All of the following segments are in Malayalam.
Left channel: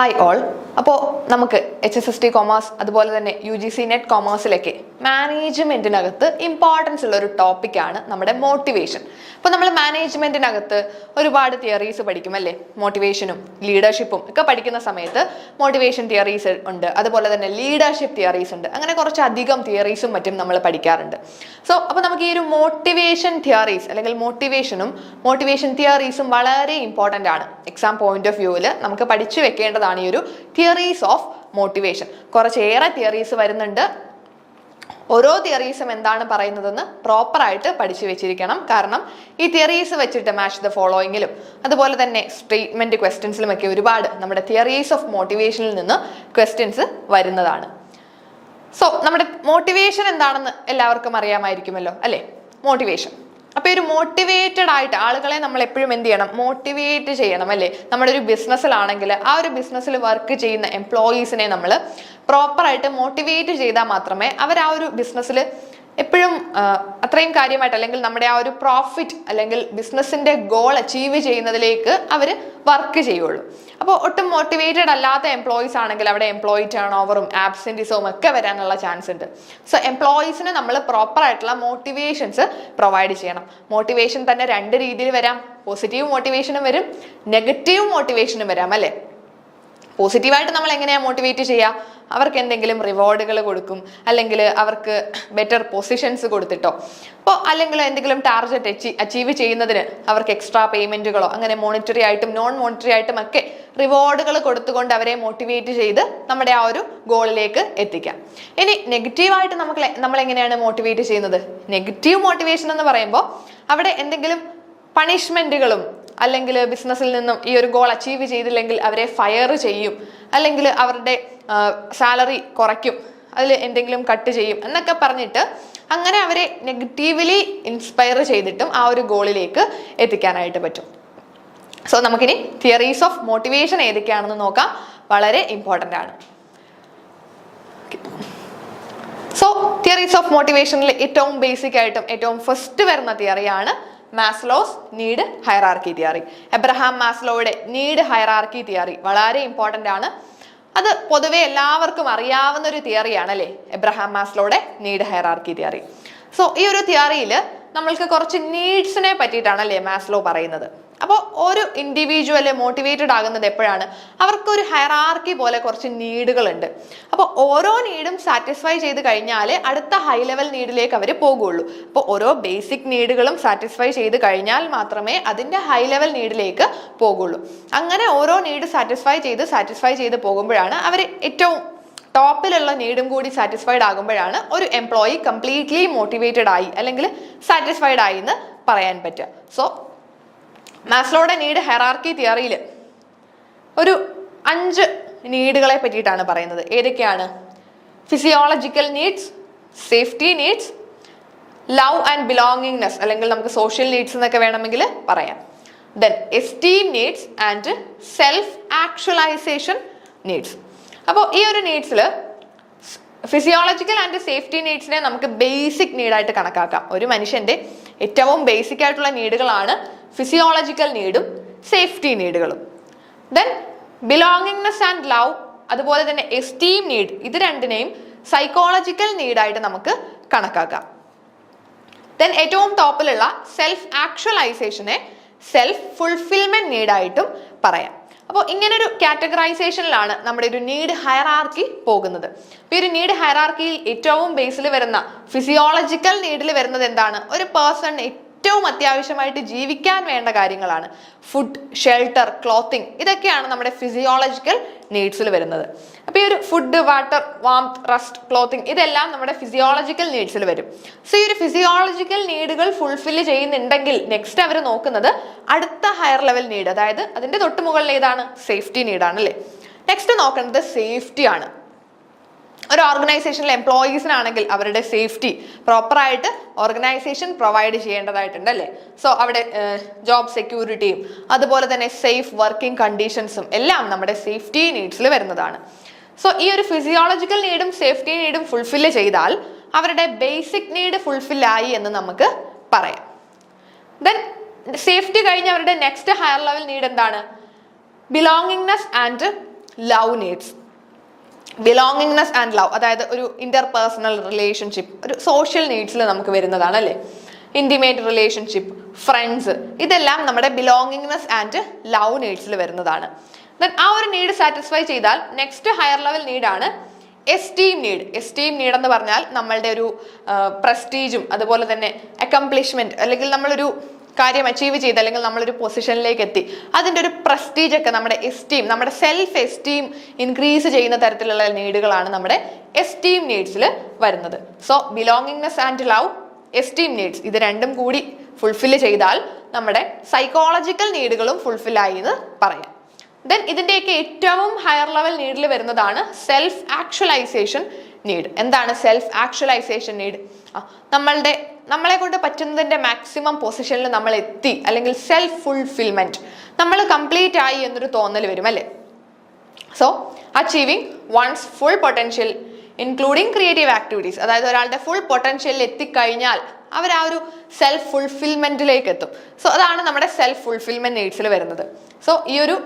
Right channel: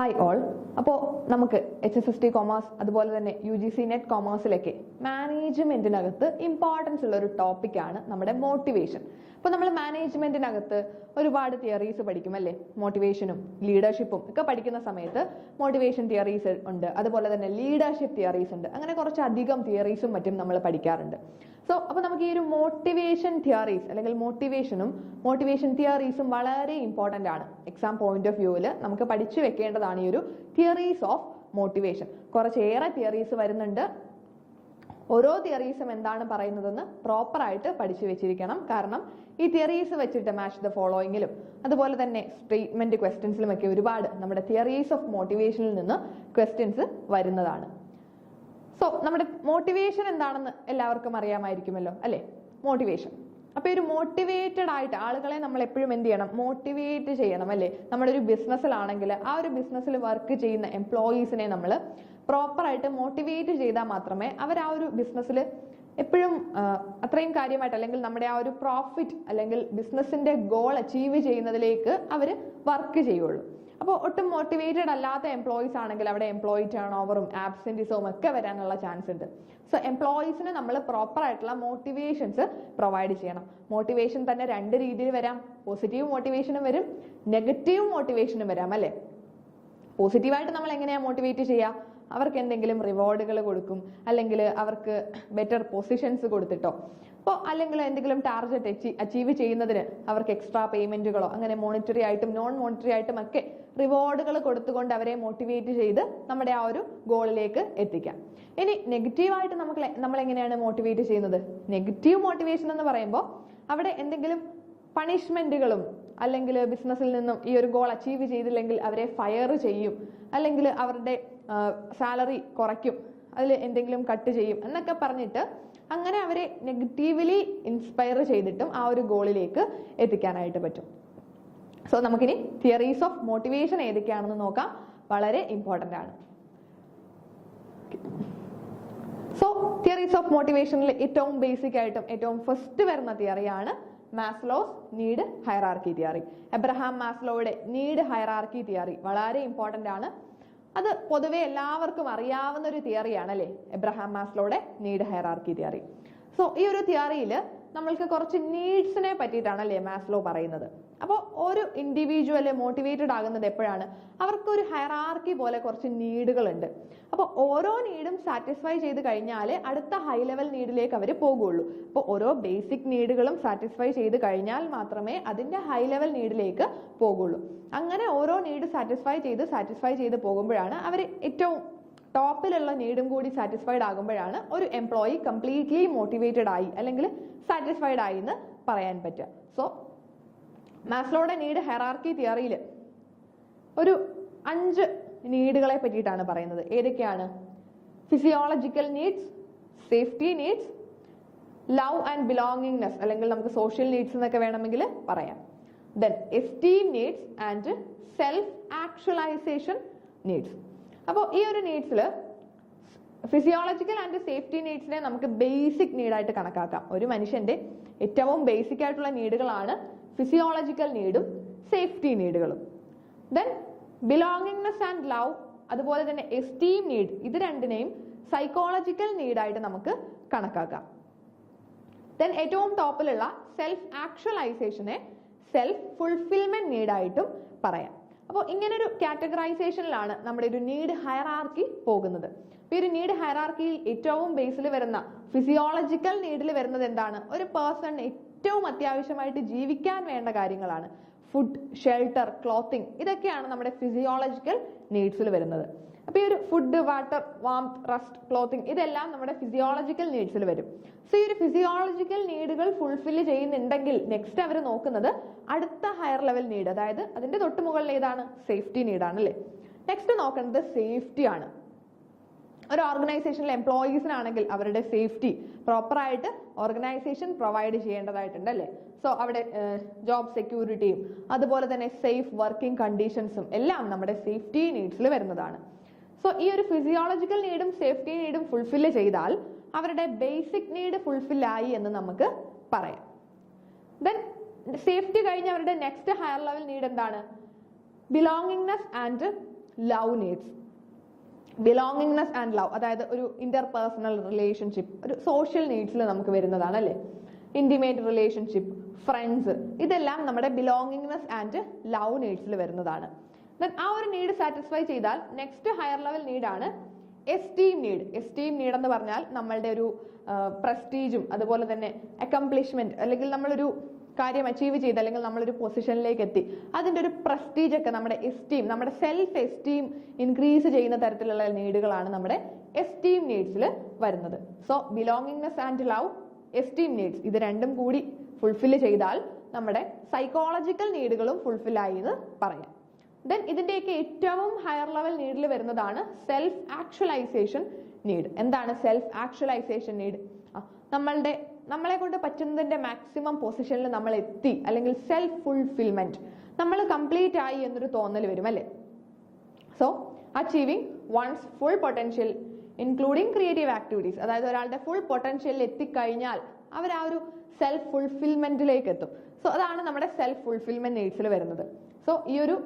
Hi all. അപ്പോൾ നമുക്ക് HSST കൊമേഴ്സ് അതുപോലെ തന്നെ UGC നെറ്റ് കൊമേഴ്സിലൊക്കെ മാനേജ്മെന്റിനകത്ത് ഇമ്പോർട്ടൻസ് ഉള്ള ഒരു ടോപ്പിക്കാണ് നമ്മുടെ മോട്ടിവേഷൻ. അപ്പോൾ നമ്മൾ മാനേജ്മെന്റിനകത്ത് ഒരുപാട് തിയറീസ് പഠിക്കും അല്ലേ? മോട്ടിവേഷനും ലീഡർഷിപ്പും ഒക്കെ പഠിക്കുന്ന സമയത്ത് മോട്ടിവേഷൻ തിയറീസ് ഉണ്ട്, അതുപോലെ തന്നെ ലീഡർഷിപ്പ് തിയറീസ് ഉണ്ട്. അങ്ങനെ കുറച്ചധികം തിയറീസും മറ്റും നമ്മൾ പഠിക്കാറുണ്ട്. അപ്പോൾ നമുക്ക് ഈ ഒരു മോട്ടിവേഷൻ തിയറീസ് അല്ലെങ്കിൽ മോട്ടിവേഷൻ തിയറീസും വളരെ ഇമ്പോർട്ടൻ്റ് ആണ്. എക്സാം പോയിന്റ് ഓഫ് വ്യൂവിൽ നമുക്ക് പഠിച്ചു വെക്കേണ്ടതാണ് ഈ ഒരു തിയറീസ് ഓഫ് മോട്ടിവേഷൻ. കുറച്ചേറെ തിയറീസ് വരുന്നുണ്ട്. ഓരോ തിയറീസും എന്താണ് പറയുന്നതെന്ന് പ്രോപ്പറായിട്ട് പഠിച്ചു വെച്ചിരിക്കണം. കാരണം ഈ തിയറീസ് വെച്ചിട്ട് മാച്ച് ദ ഫോളോയിങ്ങിലും അതുപോലെ തന്നെ സ്റ്റേറ്റ്മെന്റ് ക്വസ്റ്റ്യൻസിലും ഒക്കെ ഒരുപാട് നമ്മുടെ തിയറീസ് ഓഫ് മോട്ടിവേഷനിൽ നിന്ന് ക്വസ്റ്റ്യൻസ് വരുന്നതാണ്. നമ്മുടെ മോട്ടിവേഷൻ എന്താണെന്ന് എല്ലാവർക്കും അറിയാമായിരിക്കുമല്ലോ അല്ലേ? മോട്ടിവേഷൻ. അപ്പോൾ ഒരു മോട്ടിവേറ്റഡ് ആയിട്ട് ആളുകളെ നമ്മൾ എപ്പോഴും എന്ത് ചെയ്യണം? മോട്ടിവേറ്റ് ചെയ്യണം അല്ലേ? നമ്മുടെ ഒരു ബിസിനസ്സിലാണെങ്കിൽ ആ ഒരു ബിസിനസ്സിൽ വർക്ക് ചെയ്യുന്ന എംപ്ലോയീസിനെ നമ്മൾ പ്രോപ്പറായിട്ട് മോട്ടിവേറ്റ് ചെയ്താൽ മാത്രമേ അവർ ആ ഒരു ബിസിനസ്സിൽ എപ്പോഴും അത്രയും കാര്യമായിട്ട് അല്ലെങ്കിൽ നമ്മുടെ ആ ഒരു പ്രോഫിറ്റ് അല്ലെങ്കിൽ ബിസിനസ്സിന്റെ ഗോൾ അച്ചീവ് ചെയ്യുന്നതിലേക്ക് അവർ വർക്ക് ചെയ്യുള്ളൂ. അപ്പോൾ ഒട്ടും മോട്ടിവേറ്റഡ് അല്ലാത്ത എംപ്ലോയീസ് ആണെങ്കിൽ അവിടെ എംപ്ലോയി ടേൺ ഓവറും ആബ്സെന്റിസവും ഒക്കെ വരാനുള്ള ചാൻസ് ഉണ്ട്. എംപ്ലോയീസിന് നമ്മൾ പ്രോപ്പർ ആയിട്ടുള്ള മോട്ടിവേഷൻസ് പ്രൊവൈഡ് ചെയ്യണം. മോട്ടിവേഷൻ തന്നെ രണ്ട് രീതിയിൽ വരാം. പോസിറ്റീവ് മോട്ടിവേഷനും വരും, നെഗറ്റീവ് മോട്ടിവേഷനും വരാം അല്ലേ? പോസിറ്റീവായിട്ട് നമ്മൾ എങ്ങനെയാണ് മോട്ടിവേറ്റ് ചെയ്യുക? അവർക്ക് എന്തെങ്കിലും റിവാർഡുകൾ കൊടുക്കും, അല്ലെങ്കിൽ അവർക്ക് ബെറ്റർ പൊസിഷൻസ് കൊടുത്തിട്ടോ അല്ലെങ്കിൽ എന്തെങ്കിലും ടാർഗറ്റ് അച്ചീവ് ചെയ്യുന്നതിന് അവർക്ക് എക്സ്ട്രാ പേയ്മെന്റുകളോ അങ്ങനെ മോണിറ്ററി ആയിട്ടും നോൺ മോണിറ്ററി ആയിട്ടും ഒക്കെ റിവാർഡുകൾ കൊടുത്തുകൊണ്ട് അവരെ മോട്ടിവേറ്റ് ചെയ്ത് നമ്മുടെ ആ ഒരു ഗോളിലേക്ക് എത്തിക്കാം. ഇനി നെഗറ്റീവായിട്ട് നമ്മൾ എങ്ങനെയാണ് മോട്ടിവേറ്റ് ചെയ്യുന്നത്? നെഗറ്റീവ് മോട്ടിവേഷൻ എന്ന് പറയുമ്പോൾ അവിടെ എന്തെങ്കിലും പണിഷ്മെന്റുകളും അല്ലെങ്കിൽ ബിസിനസ്സിൽ നിന്നും ഈ ഒരു ഗോൾ അച്ചീവ് ചെയ്തില്ലെങ്കിൽ അവരെ ഫയർ ചെയ്യും, അല്ലെങ്കിൽ അവരുടെ സാലറി കുറയ്ക്കും, അതിൽ എന്തെങ്കിലും കട്ട് ചെയ്യും എന്നൊക്കെ പറഞ്ഞിട്ട് അങ്ങനെ അവരെ നെഗറ്റീവ്ലി ഇൻസ്പയർ ചെയ്തിട്ടും ആ ഒരു ഗോളിലേക്ക് എത്തിക്കാനായിട്ട് പറ്റും. നമുക്കിനി തിയറീസ് ഓഫ് മോട്ടിവേഷൻ ഏതൊക്കെയാണെന്ന് നോക്കാം. വളരെ ഇമ്പോർട്ടൻ്റ് ആണ്. തിയറീസ് ഓഫ് മോട്ടിവേഷനിൽ ഏറ്റവും ബേസിക് ആയിട്ടും ഏറ്റവും ഫസ്റ്റ് വരുന്ന തിയറിയാണ് Maslow's need hierarchy theory. Abraham മാസ്ലോയുടെ നീഡ് ഹൈറാർക്കി തിയറി വളരെ ഇമ്പോർട്ടൻ്റ് ആണ്. അത് പൊതുവെ എല്ലാവർക്കും അറിയാവുന്ന ഒരു തിയറിയാണ് അല്ലേ? എബ്രഹാം മാസ്ലോയുടെ നീഡ് ഹൈറാർക്കി തിയറി. ഈ ഒരു തിയറിയിൽ നമ്മൾക്ക് കുറച്ച് നീഡ്സിനെ പറ്റിയിട്ടാണ് അല്ലേ മാസ്ലോ പറയുന്നത്. അപ്പോൾ ഒരു ഇൻഡിവിജ്വല് മോട്ടിവേറ്റഡ് ആകുന്നത് എപ്പോഴാണ്? അവർക്കൊരു ഹൈറാർക്കി പോലെ കുറച്ച് നീഡുകളുണ്ട്. അപ്പോൾ ഓരോ നീഡും സാറ്റിസ്ഫൈ ചെയ്ത് കഴിഞ്ഞാൽ അടുത്ത ഹൈ ലെവൽ നീഡിലേക്ക് അവർ പോകുള്ളൂ. അപ്പോൾ ഓരോ ബേസിക് നീഡുകളും സാറ്റിസ്ഫൈ ചെയ്ത് കഴിഞ്ഞാൽ മാത്രമേ അതിൻ്റെ ഹൈ ലെവൽ നീഡിലേക്ക് പോകുള്ളൂ. അങ്ങനെ ഓരോ നീഡ് സാറ്റിസ്ഫൈ ചെയ്ത് പോകുമ്പോഴാണ് അവർ ഏറ്റവും ടോപ്പിലുള്ള നീഡും കൂടി സാറ്റിസ്ഫൈഡ് ആകുമ്പോഴാണ് ഒരു എംപ്ലോയി കംപ്ലീറ്റ്ലി മോട്ടിവേറ്റഡ് ആയി അല്ലെങ്കിൽ സാറ്റിസ്ഫൈഡ് ആയി എന്ന് പറയാൻ പറ്റുക. മാസ്ലോയുടെ നീഡ് ഹൈറാർക്കി തിയറിയിൽ ഒരു 5 നീഡുകളെ പറ്റിയിട്ടാണ് പറയുന്നത്. ഏതൊക്കെയാണ്? Physiological needs, safety needs, love and belongingness അല്ലെങ്കിൽ നമുക്ക് സോഷ്യൽ നീഡ്സ് എന്നൊക്കെ വേണമെങ്കിൽ പറയാം. Then esteem needs and self actualization needs. അപ്പോൾ ഈ ഒരു നീഡ്സിൽ ഫിസിയോളജിക്കൽ ആൻഡ് സേഫ്റ്റി നീഡ്സിനെ നമുക്ക് ബേസിക് നീഡായിട്ട് കണക്കാക്കാം. ഒരു മനുഷ്യന്റെ ഏറ്റവും ബേസിക് ആയിട്ടുള്ള നീഡുകളാണ് ഫിസിയോളജിക്കൽ നീഡും സേഫ്റ്റി നീഡുകളും. ദെൻ ബിലോങ്ങിങ്നെസ് ആൻഡ് ലവ് അതുപോലെ തന്നെ എസ്റ്റീം നീഡ്, ഇത് രണ്ടിനെയും സൈക്കോളജിക്കൽ നീഡായിട്ട് നമുക്ക് കണക്കാക്കാം. ദെൻ ഏറ്റവും ടോപ്പിലുള്ള സെൽഫ് ആക്ച്വലൈസേഷനെ സെൽഫ് ഫുൾഫിൽമെന്റ് നീഡായിട്ടും പറയാം. അപ്പോൾ ഇങ്ങനൊരു കാറ്റഗറൈസേഷനിലാണ് നമ്മുടെ ഒരു നീഡ് ഹൈറാർക്കി പോകുന്നത്. ഈ ഒരു നീഡ് ഹൈറാർക്കിയിൽ ഏറ്റവും ബേസിൽ വരുന്ന ഫിസിയോളജിക്കൽ നീഡിൽ വരുന്നത് എന്താണ്? ഒരു പേഴ്സൺ ഏറ്റവും അത്യാവശ്യമായിട്ട് ജീവിക്കാൻ വേണ്ട കാര്യങ്ങളാണ്. ഫുഡ്, ഷെൽട്ടർ, ക്ലോത്തിങ്, ഇതൊക്കെയാണ് നമ്മുടെ ഫിസിയോളജിക്കൽ നീഡ്സിൽ വരുന്നത്. അപ്പോൾ ഈ ഒരു food, water, warmth, rest, clothing ഇതെല്ലാം നമ്മുടെ ഫിസിയോളജിക്കൽ നീഡ്സിൽ വരും. ഈ ഒരു ഫിസിയോളജിക്കൽ നീഡുകൾ ഫുൾഫിൽ ചെയ്യുന്നുണ്ടെങ്കിൽ നെക്സ്റ്റ് അവർ നോക്കുന്നത് അടുത്ത ഹയർ ലെവൽ നീഡ്, അതായത് അതിന്റെ തൊട്ട് മുകളിൽ ഏതാണ്? സേഫ്റ്റി നീഡാണ് അല്ലേ? നെക്സ്റ്റ് നോക്കുന്നത് സേഫ്റ്റി ആണ്. ഒരു ഓർഗനൈസേഷനിലെ എംപ്ലോയീസിനാണെങ്കിൽ അവരുടെ സേഫ്റ്റി പ്രോപ്പറായിട്ട് ഓർഗനൈസേഷൻ പ്രൊവൈഡ് ചെയ്യേണ്ടതായിട്ടുണ്ട് അല്ലേ? അവിടെ ജോബ് സെക്യൂരിറ്റിയും അതുപോലെ തന്നെ സേഫ് വർക്കിംഗ് കണ്ടീഷൻസും എല്ലാം നമ്മുടെ സേഫ്റ്റി നീഡ്സിൽ വരുന്നതാണ്. ഈ ഒരു ഫിസിയോളജിക്കൽ നീഡും സേഫ്റ്റി നീഡും ഫുൾഫിൽ ചെയ്താൽ അവരുടെ ബേസിക് നീഡ് ഫുൾഫിൽ ആയി എന്ന് നമുക്ക് പറയാം. ദെൻ സേഫ്റ്റി കഴിഞ്ഞ് അവരുടെ നെക്സ്റ്റ് ഹയർ ലെവൽ നീഡ് എന്താണ്? Belongingness and love needs. Belongingness and love, അതായത് ഒരു ഇന്റർപേഴ്സണൽ റിലേഷൻഷിപ്പ്, ഒരു സോഷ്യൽ നീഡ്സിൽ നമുക്ക് വരുന്നതാണ് അല്ലേ. ഇന്റിമേറ്റ് റിലേഷൻഷിപ്പ്, ഫ്രണ്ട്സ്, ഇതെല്ലാം നമ്മുടെ ബിലോങ്ങിങ്നെസ് ആൻഡ് ലവ് നീഡ്സിൽ വരുന്നതാണ്. ദെൻ ആ ഒരു നീഡ് സാറ്റിസ്ഫൈ ചെയ്താൽ നെക്സ്റ്റ് ഹയർ ലെവൽ നീഡാണ് എസ്റ്റീം നീഡ്. എസ്റ്റീം നീഡ് എന്ന് പറഞ്ഞാൽ നമ്മളുടെ ഒരു പ്രസ്റ്റീജും അതുപോലെ തന്നെ അക്കംപ്ലിഷ്മെന്റ്, അല്ലെങ്കിൽ നമ്മളൊരു കാര്യം അച്ചീവ് ചെയ്ത് അല്ലെങ്കിൽ നമ്മളൊരു പൊസിഷനിലേക്ക് എത്തി, അതിൻ്റെ ഒരു പ്രസ്റ്റീജ് ഒക്കെ നമ്മുടെ എസ്റ്റീം, നമ്മുടെ സെൽഫ് എസ്റ്റീം ഇൻക്രീസ് ചെയ്യുന്ന തരത്തിലുള്ള നീഡുകളാണ് നമ്മുടെ എസ്റ്റീം നീഡ്സിൽ വരുന്നത്. So belongingness and love, esteem needs, ഇത് രണ്ടും കൂടി ഫുൾഫിൽ ചെയ്താൽ നമ്മുടെ സൈക്കോളജിക്കൽ നീഡുകളും ഫുൾഫിൽ ആയി എന്ന് പറയാം. ദെൻ ഇതിൻ്റെയൊക്കെ ഏറ്റവും ഹയർ ലെവൽ നീഡിൽ വരുന്നതാണ് സെൽഫ് ആക്ച്വലൈസേഷൻ നീഡ്. എന്താണ് സെൽഫ് ആക്ച്വലൈസേഷൻ നീഡ്? നമ്മളെ കൊണ്ട് പറ്റുന്നതിൻ്റെ മാക്സിമം പൊസിഷനിൽ നമ്മൾ എത്തി, അല്ലെങ്കിൽ സെൽഫ് ഫുൾഫിൽമെന്റ്, നമ്മൾ കംപ്ലീറ്റ് ആയി എന്നൊരു തോന്നൽ വരും അല്ലേ. So achieving one's full potential including creative activities, അതായത് ഒരാളുടെ ഫുൾ പൊട്ടൻഷ്യലിൽ എത്തിക്കഴിഞ്ഞാൽ അവർ ആ ഒരു സെൽഫ് ഫുൾഫിൽമെന്റിലേക്ക് എത്തും. സോ അതാണ് നമ്മുടെ സെൽഫ് ഫുൾഫിൽമെന്റ് നീഡ്സിൽ വരുന്നത്. സോ ഈ ഒരു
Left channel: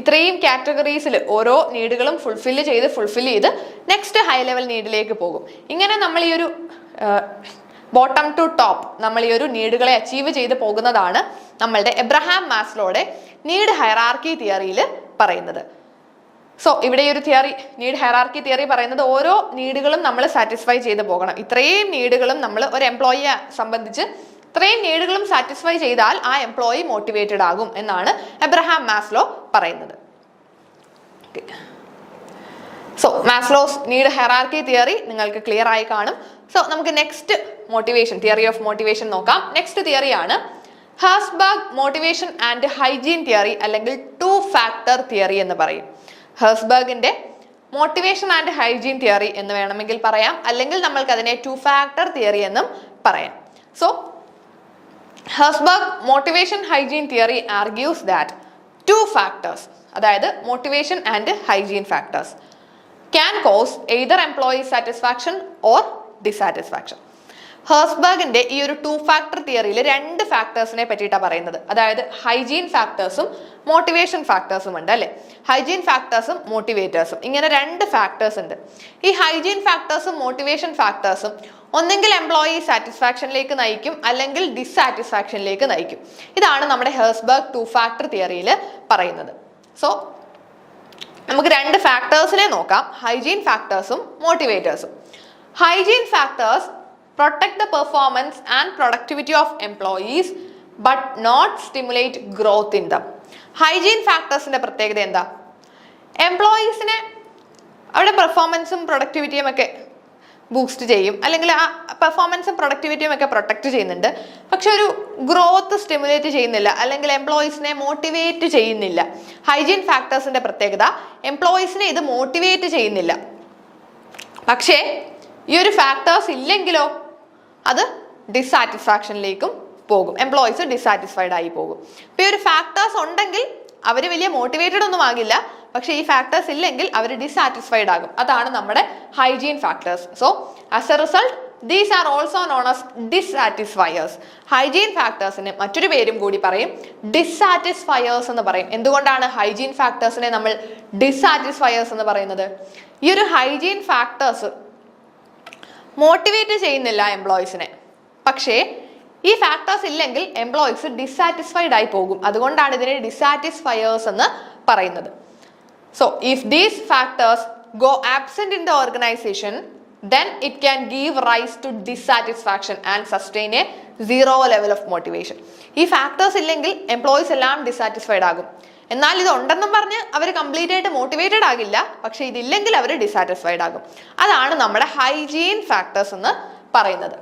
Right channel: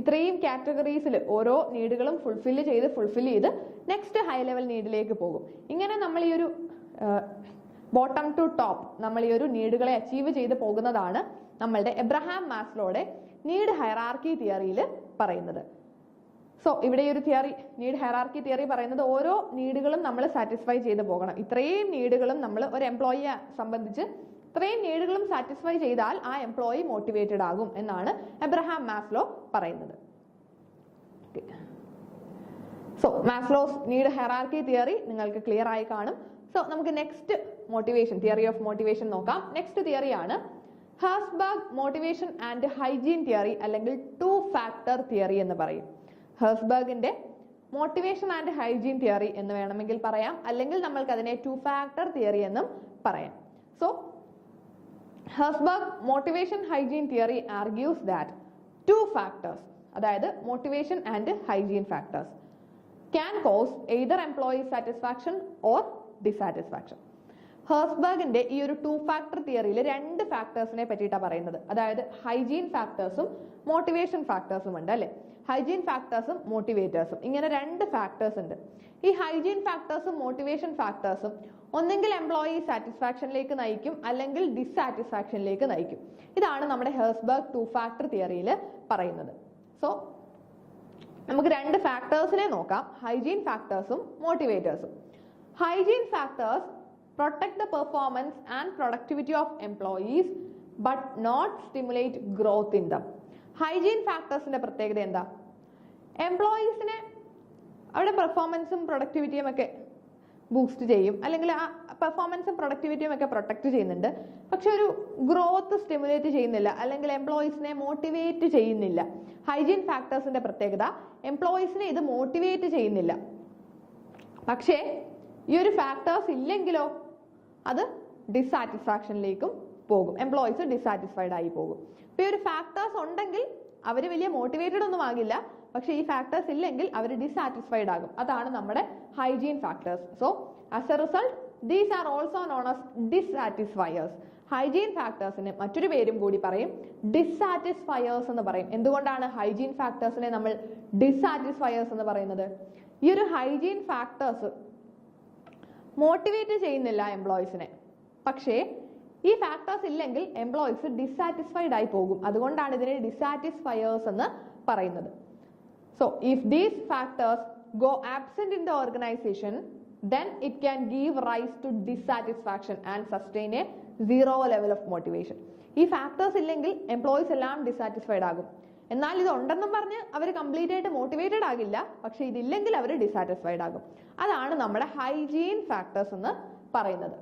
ഇത്രയും കാറ്റഗറീസിൽ ഓരോ നീഡുകളും ഫുൾഫിൽ ചെയ്ത് നെക്സ്റ്റ് ഹൈ ലെവൽ നീഡിലേക്ക് പോകും. ഇങ്ങനെ നമ്മൾ ഈ ഒരു ബോട്ടം ടു ടോപ്പ് നമ്മൾ ഈ ഒരു നീഡുകളെ അച്ചീവ് ചെയ്ത് പോകുന്നതാണ് നമ്മളുടെ എബ്രഹാം മാസ്ലോയുടെ നീഡ് ഹൈറാർക്കി തിയറിയിൽ പറയുന്നത്. സോ ഇവിടെ ഈ ഒരു തിയറി, നീഡ് ഹൈറാർക്കി തിയറി പറയുന്നത് ഓരോ നീഡുകളും നമ്മൾ സാറ്റിസ്ഫൈ ചെയ്ത് പോകണം. ഇത്രയും നീഡുകളും നമ്മൾ ഒരു എംപ്ലോയിയെ സംബന്ധിച്ച് ഇത്രയും നീഡുകളും സാറ്റിസ്ഫൈ ചെയ്താൽ ആ എംപ്ലോയി മോട്ടിവേറ്റഡ് ആകും എന്നാണ് എബ്രഹാം മാസ്ലോ പറയുന്നത്. So Maslow's need hierarchy theory നിങ്ങൾക്ക് ക്ലിയർ ആയി കാണും. സോ നമുക്ക് next motivation, theory of motivation നോക്കാം. നെക്സ്റ്റ് തിയറിയാണ് Herzberg motivation and hygiene theory, അല്ലെങ്കിൽ 2 ഫാക്ടർ തിയറി എന്ന് പറയും. ഹെർസ്ബർഗിന്റെ മോട്ടിവേഷൻ ആൻഡ് ഹൈജീൻ തിയറി എന്ന് വേണമെങ്കിൽ പറയാം, അല്ലെങ്കിൽ നമ്മൾക്ക് അതിനെ 2 ഫാക്ടർ തിയറി എന്നും പറയാം. So Herzberg motivation hygiene theory argues that 2 factors, അതായത് motivation and hygiene factors can cause either employee satisfaction or dissatisfaction. ഹെർസ്ബർഗിന്റെ ഈ ഒരു 2 ഫാക്ടർ തിയറിയിൽ 2 ഫാക്ടേഴ്സിനെ പറ്റിയിട്ടാണ് പറയുന്നത്. അതായത് ഹൈജീൻ ഫാക്ടേഴ്സും മോട്ടിവേഷൻ ഫാക്ടേഴ്സും ഉണ്ട് അല്ലെ. ഹൈജീൻ ഫാക്ടേഴ്സും മോട്ടിവേറ്റേഴ്സും, ഇങ്ങനെ 2 ഫാക്ടേഴ്സ് ഉണ്ട്. ഈ ഹൈജീൻ ഫാക്ടേഴ്സും മോട്ടിവേഷൻ ഫാക്ടേഴ്സും ഒന്നെങ്കിൽ എംപ്ലോയി സാറ്റിസ്ഫാക്ഷനിലേക്ക് നയിക്കും, അല്ലെങ്കിൽ ഡിസാറ്റിസ്ഫാക്ഷനിലേക്ക് നയിക്കും. ഇതാണ് നമ്മുടെ ഹെർസ്ബർഗ് 2 ഫാക്ടർ തിയറിയിൽ പറയുന്നത്. സോ നമുക്ക് 2 ഫാക്ടേഴ്സിനെ നോക്കാം, ഹൈജീൻ ഫാക്ടേഴ്സും മോട്ടിവേറ്റേഴ്സും. Hygiene factors protect the performance and productivity of employees but not stimulate growth in them. Hygiene ഫാക്ടേഴ്സിന്റെ പ്രത്യേകത എന്താ? എംപ്ലോയീസിനെ അവരുടെ പെർഫോമൻസും പ്രൊഡക്ടിവിറ്റിയും ഒക്കെ ബൂസ്റ്റ് ചെയ്യും, അല്ലെങ്കിൽ ആ പെർഫോമൻസും പ്രൊഡക്ടിവിറ്റിയും ഒക്കെ പ്രൊട്ടക്ട് ചെയ്യുന്നുണ്ട്. പക്ഷെ ഒരു ഗ്രോത്ത് സ്റ്റിമുലേറ്റ് ചെയ്യുന്നില്ല, അല്ലെങ്കിൽ എംപ്ലോയീസിനെ മോട്ടിവേറ്റ് ചെയ്യുന്നില്ല. ഹൈജീൻ ഫാക്ടേഴ്സിന്റെ പ്രത്യേകത എംപ്ലോയീസിനെ ഇത് മോട്ടിവേറ്റ് ചെയ്യുന്നില്ല. പക്ഷേ ഈ ഒരു ഫാക്ടേഴ്സ് ഇല്ലെങ്കിലോ അത് ഡിസാറ്റിസ്ഫാക്ഷനിലേക്കും പോകും, എംപ്ലോയീസ് ഡിസാറ്റിസ്ഫൈഡ് ആയി പോകും. ഇപ്പൊ ഈ ഒരു ഫാക്ടേഴ്സ് ഉണ്ടെങ്കിൽ അവർ വലിയ മോട്ടിവേറ്റഡ് ഒന്നും ആകില്ല, പക്ഷേ ഈ ഫാക്ടേഴ്സ് ഇല്ലെങ്കിൽ അവർ ഡിസാറ്റിസ്ഫൈഡ് ആകും. അതാണ് നമ്മുടെ hygiene factors. So as a result these are also known as dissatisfiers. Hygiene ഫാക്ടേഴ്സിന് മറ്റൊരു പേരും കൂടി പറയും, ഡിസാറ്റിസ്ഫയേഴ്സ് എന്ന് പറയും. എന്തുകൊണ്ടാണ് ഹൈജീൻ ഫാക്ടേഴ്സിനെ നമ്മൾ ഡിസാറ്റിസ്ഫയേഴ്സ് എന്ന് പറയുന്നത്? ഈ ഒരു ഹൈജീൻ ഫാക്ടേഴ്സ് മോട്ടിവേറ്റ് ചെയ്യുന്നില്ല എംപ്ലോയീസിനെ, പക്ഷേ ഈ ഫാക്ടേഴ്സ് ഇല്ലെങ്കിൽ എംപ്ലോയീസ് ഡിസാറ്റിസ്ഫൈഡ് ആയി പോകും. അതുകൊണ്ടാണ് ഇതിനെ ഡിസാറ്റിസ്ഫയേഴ്സ് എന്ന് പറയുന്നത്. So if these factors go absent in the organisation then it can give rise to dissatisfaction and sustain a zero level of motivation. ഈ ഫാക്ടേഴ്സ് ഇല്ലെങ്കിൽ എംപ്ലോയീസ് എല്ലാം ഡിസാറ്റിസ്ഫൈഡ് ആകും. എന്നാൽ ഇത് ഉണ്ടെന്നും പറഞ്ഞ് അവർ കംപ്ലീറ്റ് ആയിട്ട് മോട്ടിവേറ്റഡ് ആകില്ല, പക്ഷെ ഇതില്ലെങ്കിൽ അവർ ഡിസാറ്റിസ്ഫൈഡ് ആകും. അതാണ് നമ്മുടെ ഹൈജീൻ ഫാക്ടേഴ്സ് എന്ന് പറയുന്നത്.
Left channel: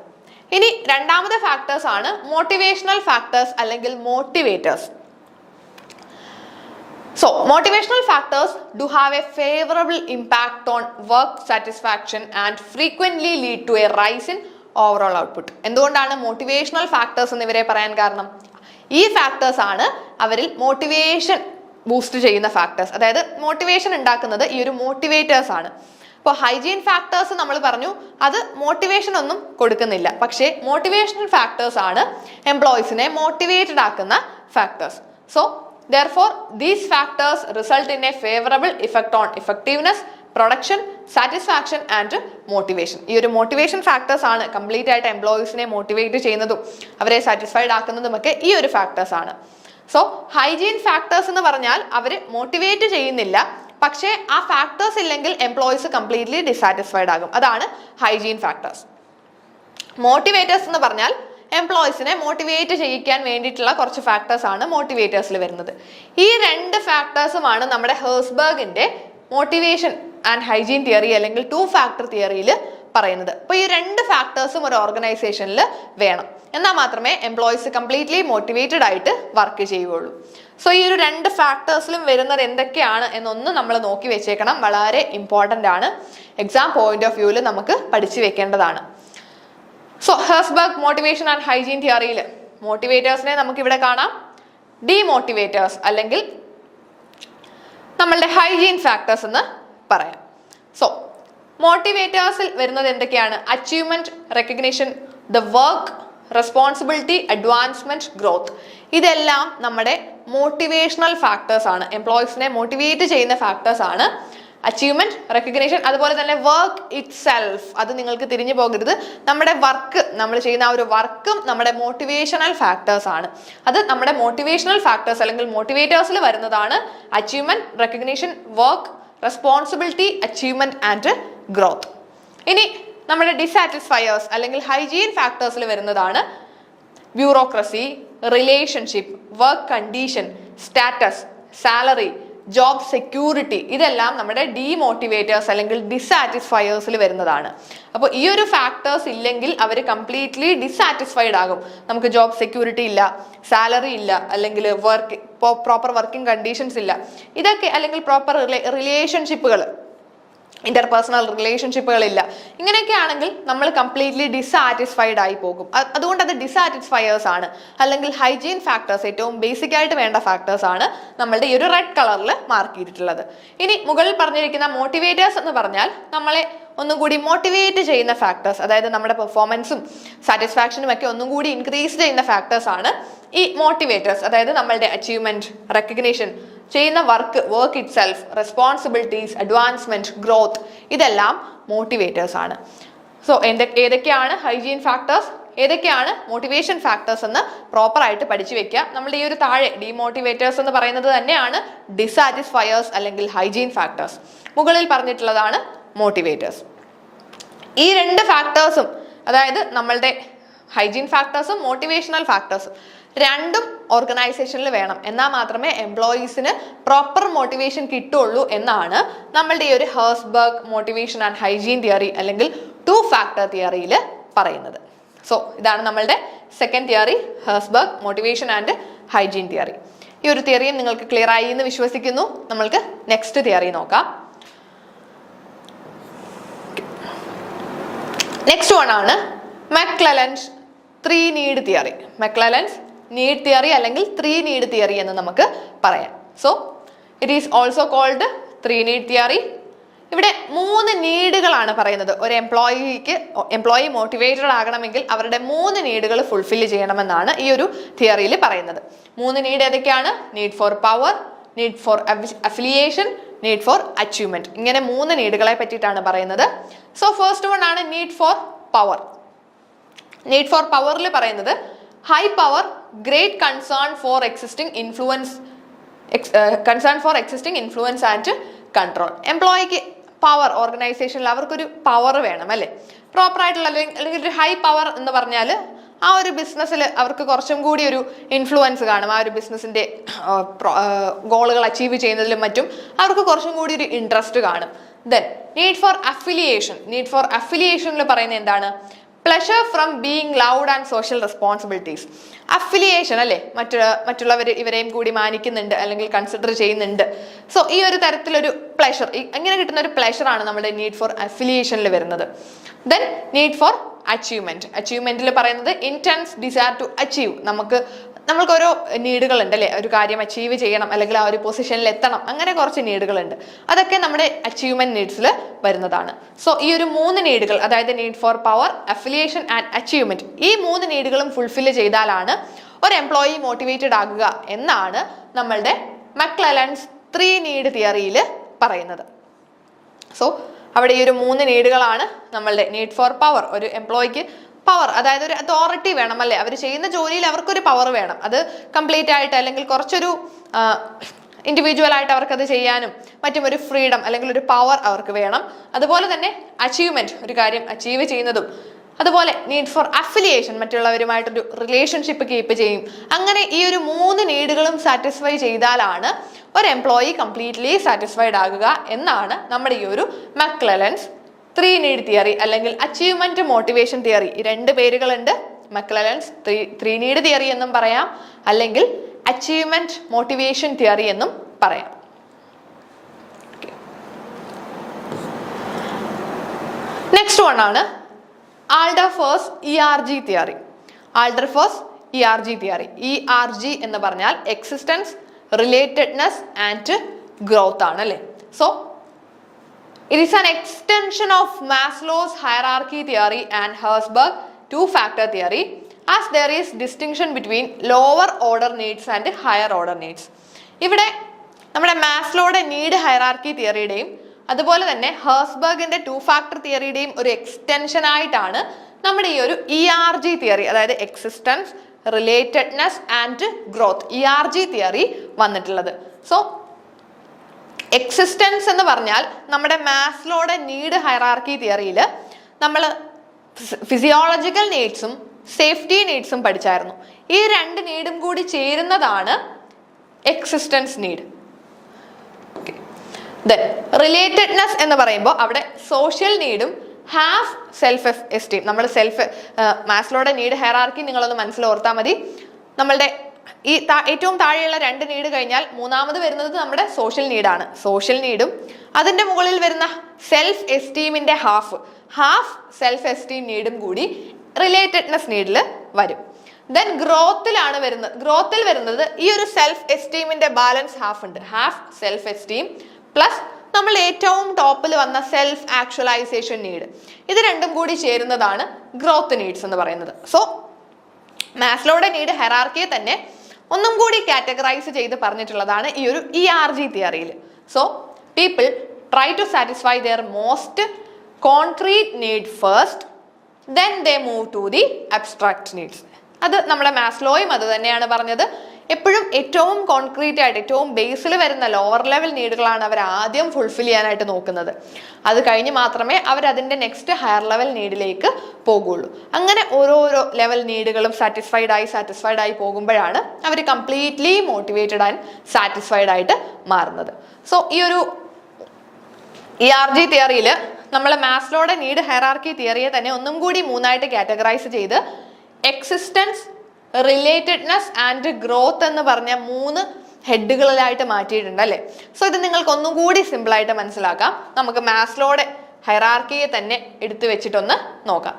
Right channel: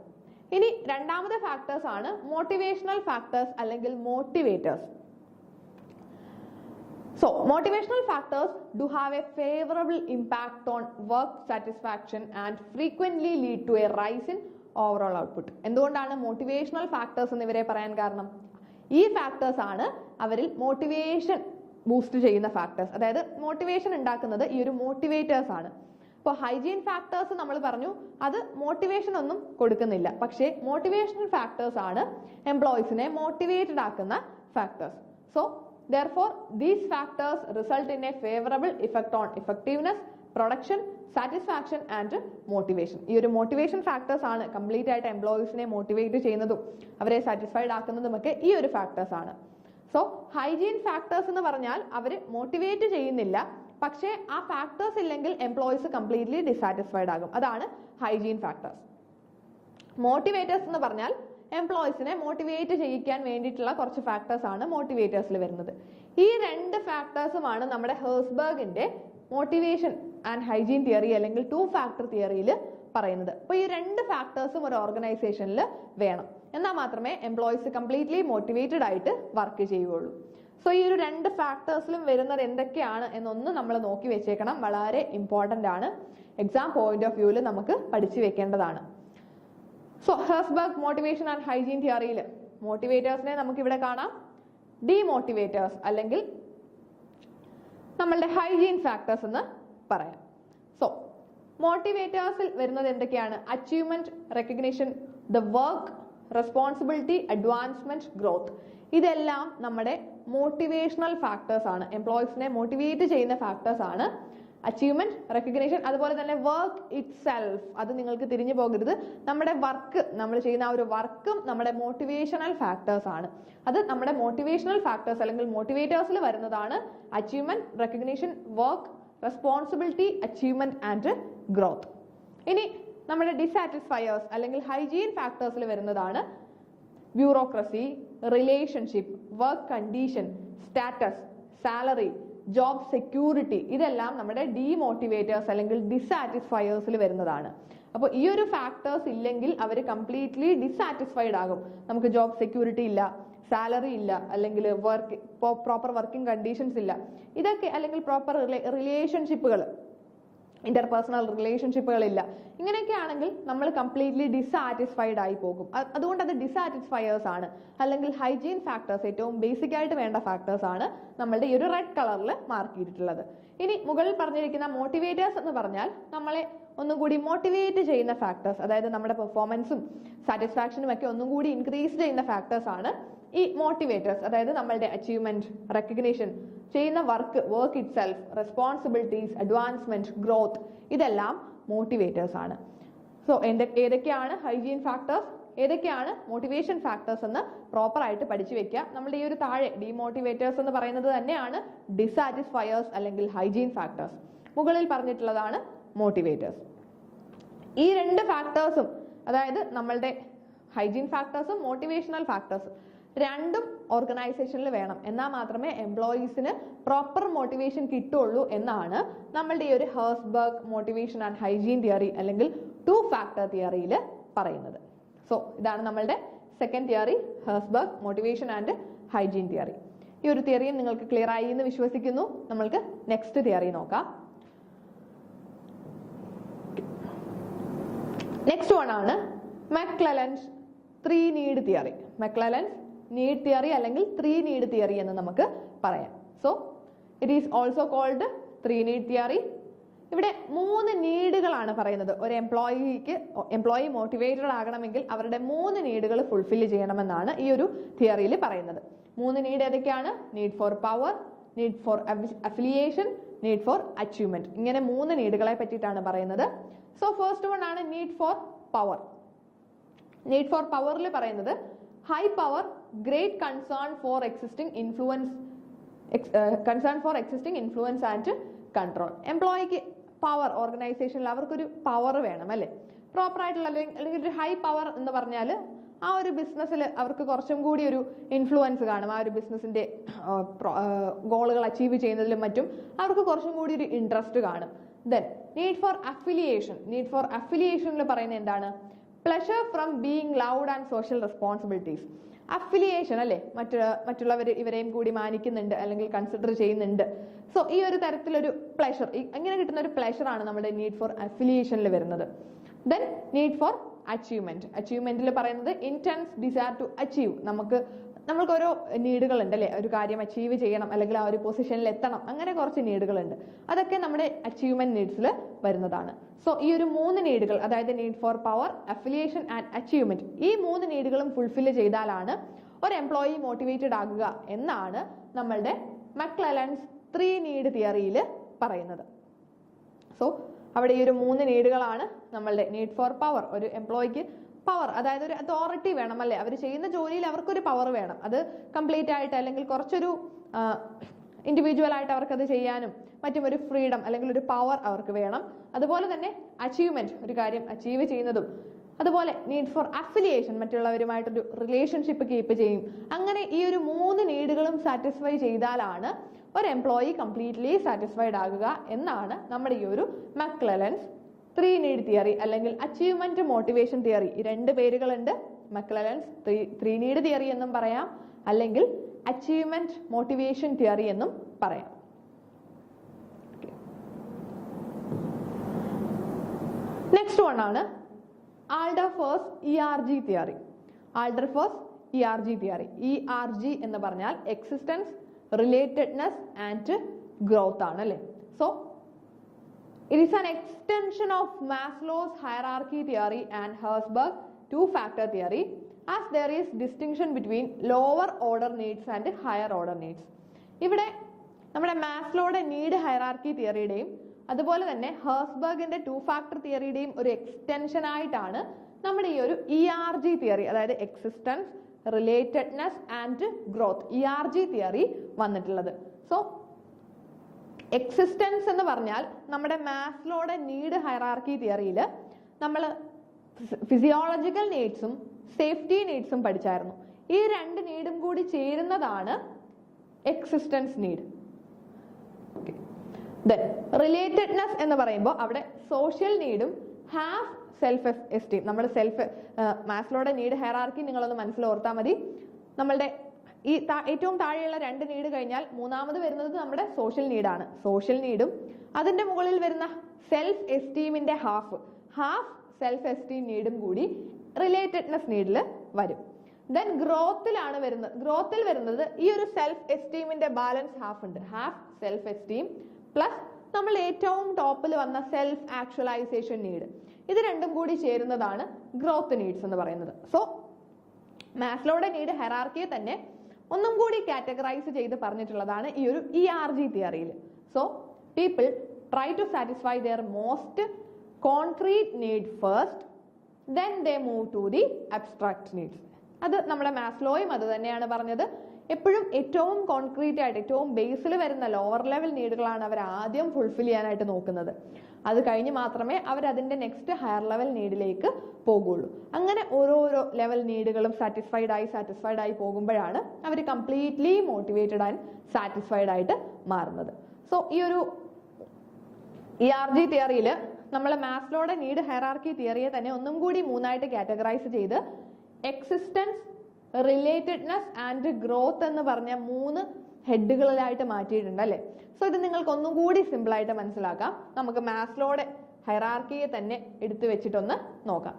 ഇനി രണ്ടാമത്തെ ഫാക്ടേഴ്സ് ആണ് മോട്ടിവേഷണൽ ഫാക്ടേഴ്സ് അല്ലെങ്കിൽ motivators. So, motivational factors do have a favorable impact on work satisfaction and frequently lead to a rise in overall output. എന്തുകൊണ്ടാണ് മോട്ടിവേഷണൽ ഫാക്ടേഴ്സ് എന്ന് ഇവരെ പറയാൻ കാരണം? ഈ ഫാക്ടേഴ്സ് ആണ് അവരിൽ മോട്ടിവേഷൻ ബൂസ്റ്റ് ചെയ്യുന്ന ഫാക്ടേഴ്സ്. അതായത് മോട്ടിവേഷൻ ഉണ്ടാക്കുന്നത് ഈ ഒരു മോട്ടിവേറ്റേഴ്സ് ആണ്. ഇപ്പോൾ ഹൈജീൻ ഫാക്ടേഴ്സ് നമ്മൾ പറഞ്ഞു അത് മോട്ടിവേഷൻ ഒന്നും കൊടുക്കുന്നില്ല, പക്ഷേ മോട്ടിവേഷണൽ ഫാക്ടേഴ്സ് ആണ് എംപ്ലോയീസിനെ മോട്ടിവേറ്റഡ് ആക്കുന്ന factors. So Therefore, these factors result in a favorable effect on effectiveness, production, satisfaction and motivation. ഈ ഒരു മോട്ടിവേഷൻ ഫാക്ടേഴ്സ് ആണ് കംപ്ലീറ്റ് ആയിട്ട് എംപ്ലോയീസിനെ മോട്ടിവേറ്റ് ചെയ്യുന്നതും അവരെ സാറ്റിസ്ഫൈഡ് ആക്കുന്നതുമൊക്കെ ഈ ഒരു ഫാക്ടേഴ്സ് ആണ്. സോ ഹൈജീൻ ഫാക്ടേഴ്സ് എന്ന് പറഞ്ഞാൽ അവർ മോട്ടിവേറ്റ് ചെയ്യുന്നില്ല, പക്ഷേ ആ ഫാക്ടേഴ്സ് ഇല്ലെങ്കിൽ എംപ്ലോയീസ് കംപ്ലീറ്റ്ലി ഡിസാറ്റിസ്ഫൈഡ് ആകും. അതാണ് ഹൈജീൻ ഫാക്ടേഴ്സ്. മോട്ടിവേറ്റേഴ്സ് എന്ന് പറഞ്ഞാൽ എംപ്ലോയീസിനെ മോട്ടിവേറ്റ് ചെയ്യിക്കാൻ വേണ്ടിയിട്ടുള്ള കുറച്ച് ഫാക്ടേഴ്സ് ആണ് മോട്ടിവേറ്റേഴ്സിൽ വരുന്നത്. ഈ രണ്ട് ഫാക്ടേഴ്സുമാണ് നമ്മുടെ ഹേഴ്സ്ബർഗിന്റെ മോട്ടിവേഷൻ ആൻഡ് ഹൈജീൻ തിയറി അല്ലെങ്കിൽ 2 ഫാക്ടർ തിയറിയിൽ പറയുന്നത്. അപ്പോൾ ഈ രണ്ട് ഫാക്ടേഴ്സും ഒരു ഓർഗനൈസേഷനിൽ വേണം, എന്നാൽ മാത്രമേ എംപ്ലോയീസ് കംപ്ലീറ്റ്ലി മോട്ടിവേറ്റഡ് ആയിട്ട് വർക്ക് ചെയ്യുകയുള്ളൂ. സോ ഈ ഒരു രണ്ട് ഫാക്ടേഴ്സിലും വരുന്നത് എന്തൊക്കെയാണ് എന്നൊന്ന് നമ്മൾ നോക്കി വെച്ചേക്കണം. വളരെ ഇമ്പോർട്ടൻ്റ് ആണ്, എക്സാം പോയിന്റ് ഓഫ് വ്യൂവിൽ നമുക്ക് പഠിച്ചു വെക്കേണ്ടതാണ്. സോ ഹേഴ്സ്ബർഗ് മോട്ടിവേഷൻ ആൻഡ് ഹൈജീൻ തിയറിയിൽ മോട്ടിവേറ്റേഴ്സിനെ നമുക്കിവിടെ കാണാം, ഡീമോട്ടിവേറ്റേഴ്സ് അല്ലെങ്കിൽ നമ്മളുടെ ഹൈജീൻ ഫാക്ടേഴ്സ് എന്ന് പറയാം. സോ മോട്ടിവേറ്റേഴ്സിൽ വരുന്നത് എന്തൊക്കെയാണ്? Achievement, recognition, the work, responsibility, advancement, growth. ഇതെല്ലാം നമ്മുടെ മോട്ടിവേഷണൽ ഫാക്ടേഴ്സ് ആണ്, എംപ്ലോയീസിനെ മോട്ടിവേറ്റ് ചെയ്യുന്ന ഫാക്ടേഴ്സ് ആണ്. അച്ചീവ്മെന്റ്, റെക്കഗ്നിഷൻ, അതുപോലെ തന്നെ വർക്ക് ഇറ്റ് സെൽഫ്. അത് നിങ്ങൾക്ക് തിരിഞ്ഞു പോകരുത്, നമ്മുടെ വർക്ക്, നമ്മൾ ചെയ്യുന്ന ആ ഒരു വർക്കും നമ്മുടെ മോട്ടിവേഷണൽ ഫാക്ടേഴ്സ് ആണ്. അത് നമ്മുടെ മോട്ടിവേഷണൽ ഫാക്ടേഴ്സ് അല്ലെങ്കിൽ മോട്ടിവേറ്റേഴ്സിൽ വരുന്നതാണ് achievement, recognition, work, responsibility, achievement and growth. ഇനി നമ്മുടെ ഡിസാറ്റിസ്ഫയേഴ്സ് അല്ലെങ്കിൽ ഹൈജീൻ ഫാക്ടേഴ്സിൽ വരുന്നതാണ് bureaucracy, relationship, work condition, status, salary, job security. ഇതെല്ലാം നമ്മുടെ ഡീമോട്ടിവേറ്റേഴ്സ് അല്ലെങ്കിൽ ഡിസാറ്റിസ്ഫയേഴ്സിൽ വരുന്നതാണ്. അപ്പോൾ ഈ ഒരു ഫാക്ടേഴ്സ് ഇല്ലെങ്കിൽ അവർ കംപ്ലീറ്റ്ലി ഡിസാറ്റിസ്ഫൈഡ് ആകും. നമുക്ക് ജോബ് സെക്യൂരിറ്റി ഇല്ല, സാലറി ഇല്ല, അല്ലെങ്കിൽ പ്രോപ്പർ വർക്കിംഗ് കണ്ടീഷൻസ് ഇല്ല, ഇതൊക്കെ അല്ലെങ്കിൽ പ്രോപ്പർ റിലേഷൻഷിപ്പുകൾ, ഇന്റർപേഴ്സണൽ റിലേഷൻഷിപ്പുകളില്ല, ഇങ്ങനെയൊക്കെ ആണെങ്കിൽ നമ്മൾ കംപ്ലീറ്റ്ലി ഡിസാറ്റിസ്ഫൈഡ് ആയി പോകും. അതുകൊണ്ട് അത് ഡിസാറ്റിസ്ഫയേഴ്സ് ആണ് അല്ലെങ്കിൽ ഹൈജീൻ ഫാക്ടേഴ്സ്, ഏറ്റവും ബേസിക് ആയിട്ട് വേണ്ട ഫാക്ടേഴ്സ് ആണ് നമ്മളുടെ ഈ ഒരു റെഡ് കളറിൽ മാർക്ക് ചെയ്തിട്ടുള്ളത്. ഇനി മുകളിൽ പറഞ്ഞിരിക്കുന്ന മോട്ടിവേറ്റേഴ്സ് എന്ന് പറഞ്ഞാൽ നമ്മളെ ഒന്നും കൂടി മോട്ടിവേറ്റ് ചെയ്യുന്ന ഫാക്ടേഴ്സ്, അതായത് നമ്മുടെ പെർഫോമൻസും സാറ്റിസ്ഫാക്ഷനും ഒക്കെ ഒന്നും കൂടി ഇൻക്രീസ് ചെയ്യുന്ന ഫാക്ടേഴ്സ് ആണ് ഈ മോട്ടിവേറ്റേഴ്സ്. അതായത് നമ്മളുടെ അച്ചീവ്മെന്റ്, റെക്കഗ്നിഷൻ, ചെയ്യുന്ന work it self, responsibilities, advancement, growth, ഇതെല്ലാം മോട്ടിവേറ്റേഴ്സ് ആണ്. സോ ഏതൊക്കെയാണ് ഹൈജീൻ ഫാക്ടേഴ്സ്, ഏതൊക്കെയാണ് മോട്ടിവേഷൻ ഫാക്ടേഴ്സ് എന്ന് പ്രോപ്പർ ആയിട്ട് പഠിച്ചു വെക്കുക. നമ്മുടെ ഈ ഒരു താഴെ ഡീമോട്ടിവേറ്റേഴ്സ് എന്ന് പറയുന്നത് തന്നെയാണ് ഡിസാറ്റിസ്ഫയേഴ്സ് അല്ലെങ്കിൽ ഹൈജീൻ ഫാക്ടേഴ്സ്. മുകളിൽ പറഞ്ഞിട്ടുള്ളതാണ് മോട്ടിവേറ്റേഴ്സ്. ഈ രണ്ട് ഫാക്ടേഴ്സും, അതായത് നമ്മളുടെ ഹൈജീൻ ഫാക്ടേഴ്സും മോട്ടിവേഷണൽ ഫാക്ടേഴ്സും രണ്ടും ഓർഗനൈസേഷനിൽ വേണം, എന്നാൽ മാത്രമേ എംപ്ലോയീസിന് പ്രോപ്പർ മോട്ടിവേഷൻ കിട്ടുള്ളൂ എന്നാണ് നമ്മളുടെ ഈ ഒരു Herzberg motivation and hygiene theory അല്ലെങ്കിൽ 2 ഫാക്ടർ തിയറിയിൽ പറയുന്നത്. സോ ഇതാണ് നമ്മളുടെ second theory, Herzberg motivation and hygiene theory. ഈ ഒരു തിയറിയും നിങ്ങൾക്ക് ക്ലിയർ ആയി എന്ന് വിശ്വസിക്കുന്നു. നമ്മൾക്ക് നെക്സ്റ്റ് തിയറി നോക്കാം. നെക്സ്റ്റ് വൺ ആണ് McClelland's 3 need theory. McClelland's need theory അല്ലെങ്കിൽ 3 നീഡ് തിയറി എന്ന് നമുക്ക് പറയാം. So it is also called 3 need theory. ഇവിടെ 3 നീഡുകളാണ് പറയുന്നത്. ഒരു എംപ്ലോയി മോട്ടിവേറ്റഡ് ആകണമെങ്കിൽ അവരുടെ 3 നീഡുകൾ ഫുൾഫിൽ ചെയ്യണമെന്നാണ് ഈ ഒരു തിയറിയിൽ പറയുന്നത്. 3 നീഡ് ഏതൊക്കെയാണ്? Need for power, need for affiliation, need for achievement. ഇങ്ങനെ 3 നീഡുകളെ പറ്റിയിട്ടാണ് പറയുന്നത്. സോ ഫസ്റ്റ് വൺ ആണ് need for power. Need for പവറിൽ പറയുന്നത് high power, great concern for existing influence and control. എംപ്ലോയിക്ക് പവർ, ഓർഗനൈസേഷനിൽ അവർക്കൊരു പവർ വേണം അല്ലേ, പ്രോപ്പർ ആയിട്ടുള്ള അല്ലെങ്കിൽ ഒരു ഹൈ പവർ എന്ന് പറഞ്ഞാൽ ആ ഒരു ബിസിനസ്സിൽ അവർക്ക് കുറച്ചും കൂടി ഒരു ഇൻഫ്ലുവൻസ് കാണും. ആ ഒരു ബിസിനസ്സിന്റെ ഗോളുകൾ അച്ചീവ് ചെയ്യുന്നതിലും മറ്റും അവർക്ക് കുറച്ചും കൂടി ഒരു ഇൻട്രസ്റ്റ് കാണും. Then need for affiliation. Need for അഫിലിയേഷനിൽ പറയുന്നത് എന്താണ്? Pleasure from being loved and social responsibilities. Affiliation അല്ലേ, മറ്റുള്ളവർ ഇവരെയും കൂടി മാനിക്കുന്നുണ്ട് അല്ലെങ്കിൽ കൺസിഡർ ചെയ്യുന്നുണ്ട്. സോ ഈ ഒരു തരത്തിലൊരു പ്ലഷർ, അങ്ങനെ കിട്ടുന്ന ഒരു പ്ലഷറാണ് നമ്മുടെ നീഡ് ഫോർ അഫിലിയേഷനിൽ വരുന്നത്. Then need for achievement. അച്ചീവ്മെന്റിൽ പറയുന്നത് ഇന്റൻസ് ഡിസയർ ടു അച്ചീവ്. നമ്മൾക്ക് ഓരോ നീഡുകളുണ്ട് അല്ലേ, ഒരു കാര്യം അച്ചീവ് ചെയ്യണം അല്ലെങ്കിൽ ആ ഒരു പൊസിഷനിൽ എത്തണം, അങ്ങനെ കുറച്ച് നീഡുകളുണ്ട്. അതൊക്കെ നമ്മുടെ അച്ചീവ്മെന്റ് നീഡ്സിൽ വരുന്നതാണ്. സോ ഈ ഒരു 3 നീഡുകൾ, അതായത് need for power, affiliation and achievement, ഈ 3 നീഡുകളും ഫുൾഫിൽ ചെയ്താലാണ് ഒരു എംപ്ലോയി മോട്ടിവേറ്റഡ് ആകുക എന്നാണ് നമ്മളുടെ മക്ലെലൻസ് 3 നീഡ് തിയറിയിൽ പറയുന്നത്. സോ അവിടെ ഈ ഒരു 3 നീഡുകളാണ് നമ്മളുടെ നീഡ് ഫോർ പവർ. ഒരു എംപ്ലോയിക്ക് പവർ, അതായത് ഒരു അതോറിറ്റി വേണം അല്ലേ, അവർ ചെയ്യുന്ന ജോലിയിൽ അവർക്കൊരു പവർ വേണം, അത് കംപ്ലീറ്റ് ആയിട്ട് അല്ലെങ്കിൽ കുറച്ചൊരു ഇൻഡിവിജ്വൽ ആയിട്ട് അവർക്കത് ചെയ്യാനും മറ്റും ഒരു ഫ്രീഡം അല്ലെങ്കിൽ ഒരു പവർ അവർക്ക് വേണം. അതുപോലെ തന്നെ അച്ചീവ്മെന്റ്, ഒരു കാര്യം അച്ചീവ് ചെയ്യുന്നതും, അതുപോലെ നീഡ് ഫോർ അഫിലിയേഷൻ, മറ്റുള്ളവരുമായിട്ടൊരു റിലേഷൻഷിപ്പ് കീപ്പ് ചെയ്യും. അങ്ങനെ ഈ ഒരു 3 നീഡുകളും സാറ്റിസ്ഫൈ ചെയ്താലാണ് ഒരു എംപ്ലോയി കംപ്ലീറ്റ്ലി സാറ്റിസ്ഫൈഡ് ആകുക എന്നാണ് നമ്മുടെ ഈ ഒരു മക്ലെലൻസ് 3 നീഡ് തിയറി അല്ലെങ്കിൽ അച്ചീവ്മെന്റ് മോട്ടിവേഷൻ തിയറി. ഈ 2 പേരുകളുണ്ട്. മക്ലെലൻസ് 3 നീഡ് തിയറി എന്നും പറയാം, അല്ലെങ്കിൽ അച്ചീവ്മെന്റ് മോട്ടിവേഷൻ തിയറി എന്നും പറയാം. നെക്സ്റ്റ് വൺ ആണ് Alderfer's ERG theory. Alderfer's ERG theory. ERG എന്ന് പറഞ്ഞാൽ എക്സിസ്റ്റൻസ്, റിലേറ്റഡ്നെസ് ആൻഡ് ഗ്രോത്ത് ആണ് അല്ലേ. So it is an extension of Maslow's hierarchy theory and Herzberg two-factor theory, as there is distinction between lower order needs and higher order needs. ഇവിടെ നമ്മുടെ മാസ്ലോയുടെ നീഡ് ഹൈറാർക്കി തിയറിയുടെയും അതുപോലെ തന്നെ ഹേഴ്സ്ബർഗിന്റെ 2-factor തിയറിയുടെയും ഒരു എക്സ്റ്റൻഷൻ ആയിട്ടാണ് നമ്മുടെ ഈ ഒരു ERG തിയറി, അതായത് existence, relatedness and growth, ERG theory വന്നിട്ടുള്ളത്. സോ എക്സിസ്റ്റൻസ് എന്ന് പറഞ്ഞാൽ നമ്മുടെ മാസ്ലോയുടെ നീഡ് ഹൈറാർക്കി തിയറിയിൽ നമ്മൾ ഫിസിയോളജിക്കൽ നീഡ്സും സേഫ്റ്റി നീഡ്സും പഠിച്ചായിരുന്നു. ഈ 2 നീഡും കൂടി ചേരുന്നതാണ് എക്സിസ്റ്റൻസ് നീഡ്. ദെൻ റിലേറ്റഡ്നെസ് എന്ന് പറയുമ്പോൾ അവിടെ സോഷ്യൽ നീഡും ഹാഫ് സെൽഫ് എസ്റ്റീം. നമ്മൾ മാസ്ലോയുടെ നീഡ് ഹൈറാർക്കി നിങ്ങളൊന്ന് മനസ്സിലോർത്താൽ മതി. നമ്മളുടെ ഈ ഏറ്റവും താഴെയുള്ള 2 നീഡ് കഴിഞ്ഞാൽ മൂന്നാമത് വരുന്നത് നമ്മുടെ സോഷ്യൽ നീഡാണ്. സോഷ്യൽ നീഡും അതിൻ്റെ മുകളിൽ വരുന്ന സെൽഫ് എസ്റ്റീമിന്റെ ഹാഫ് സെൽഫ് എസ്റ്റീം നീഡും കൂടി റിലേറ്റഡ്നെസ് നീഡിൽ വരും. ദെൻ ഗ്രോത്തിലാണ് വരുന്നത്. ഗ്രോത്തിൽ വരുന്നത് ഈ ഒരു സെൽഫ് എസ്റ്റീമിന്റെ ബാലൻസ് ഹാഫ് ഉണ്ട്. ഹാഫ് സെൽഫ് എസ്റ്റീം പ്ലസ് നമ്മൾ ഏറ്റവും ടോപ്പിൽ വന്ന സെൽഫ് ആക്ച്വലൈസേഷൻ നീഡ്. ഇത് രണ്ടും കൂടി ചേരുന്നതാണ് ഗ്രോത്ത് നീഡ്സ് എന്ന് പറയുന്നത്. സോ മാസ്ലോയുടെ നീഡ് ഹൈറാർക്കിയെ തന്നെ ഒന്നും കൂടി കാറ്റഗറൈസ് ചെയ്ത് പറഞ്ഞിട്ടുള്ളതാണ് ഈ ഒരു ERG തിയറിയിൽ. So people try to satisfy their most concrete need first, then they move to the abstract needs. അത് നമ്മുടെ മാസ്ലോയും അത് തന്നെയാണ് പറഞ്ഞത്. എപ്പോഴും ഏറ്റവും കോൺക്രീറ്റ് ആയിട്ട് ഏറ്റവും ബേസിൽ വരുന്ന ലോവർ ലെവൽ നീഡുകളാണ് അവർ ആദ്യം ഫുൾഫിൽ ചെയ്യാനായിട്ട് നോക്കുന്നത്. അത് കഴിഞ്ഞ് മാത്രമേ അവർ അതിൻ്റെ നെക്സ്റ്റ് ഹയർ ലെവൽ നീഡിലേക്ക് പോകുള്ളൂ. അങ്ങനെ ഓരോരോ ലെവൽ നീഡുകളും സാറ്റിസ്ഫൈഡ് ആയി പോകുമ്പോഴാണ് അവർ കംപ്ലീറ്റ്ലി മോട്ടിവേറ്റഡ് ആൻഡ് സാറ്റിസ്ഫൈഡ് ആയിട്ട് മാറുന്നത്. സോ ഈ ഒരു ERG തിയറിയിൽ നമ്മൾ മാസ്ലോയുടെ നീഡ് ഹൈറാർക്കി തിയറിയെ തന്നെ ഒന്നും കൂടി 3ആയിട്ട് കാറ്റഗറൈസ് ചെയ്ത് എക്സിസ്റ്റൻസ്, റിലേറ്റഡ്നെസ് ആൻഡ് ഗ്രോത്ത് എന്ന് പറഞ്ഞ 3 ഹെഡുകളിലായിട്ട് മാറ്റിയിട്ടുണ്ട് അല്ലേ. സോ ഇത് നിങ്ങൾക്ക് ഒന്നും കൂടി സിമ്പിളായിട്ട് മനസ്സിലാക്കാം. നമുക്ക് മാസ്ലോയുടെ ഹൈറാർക്കിയെ തന്നെ എടുത്തു വെച്ചിട്ടൊന്ന് നോക്കാം.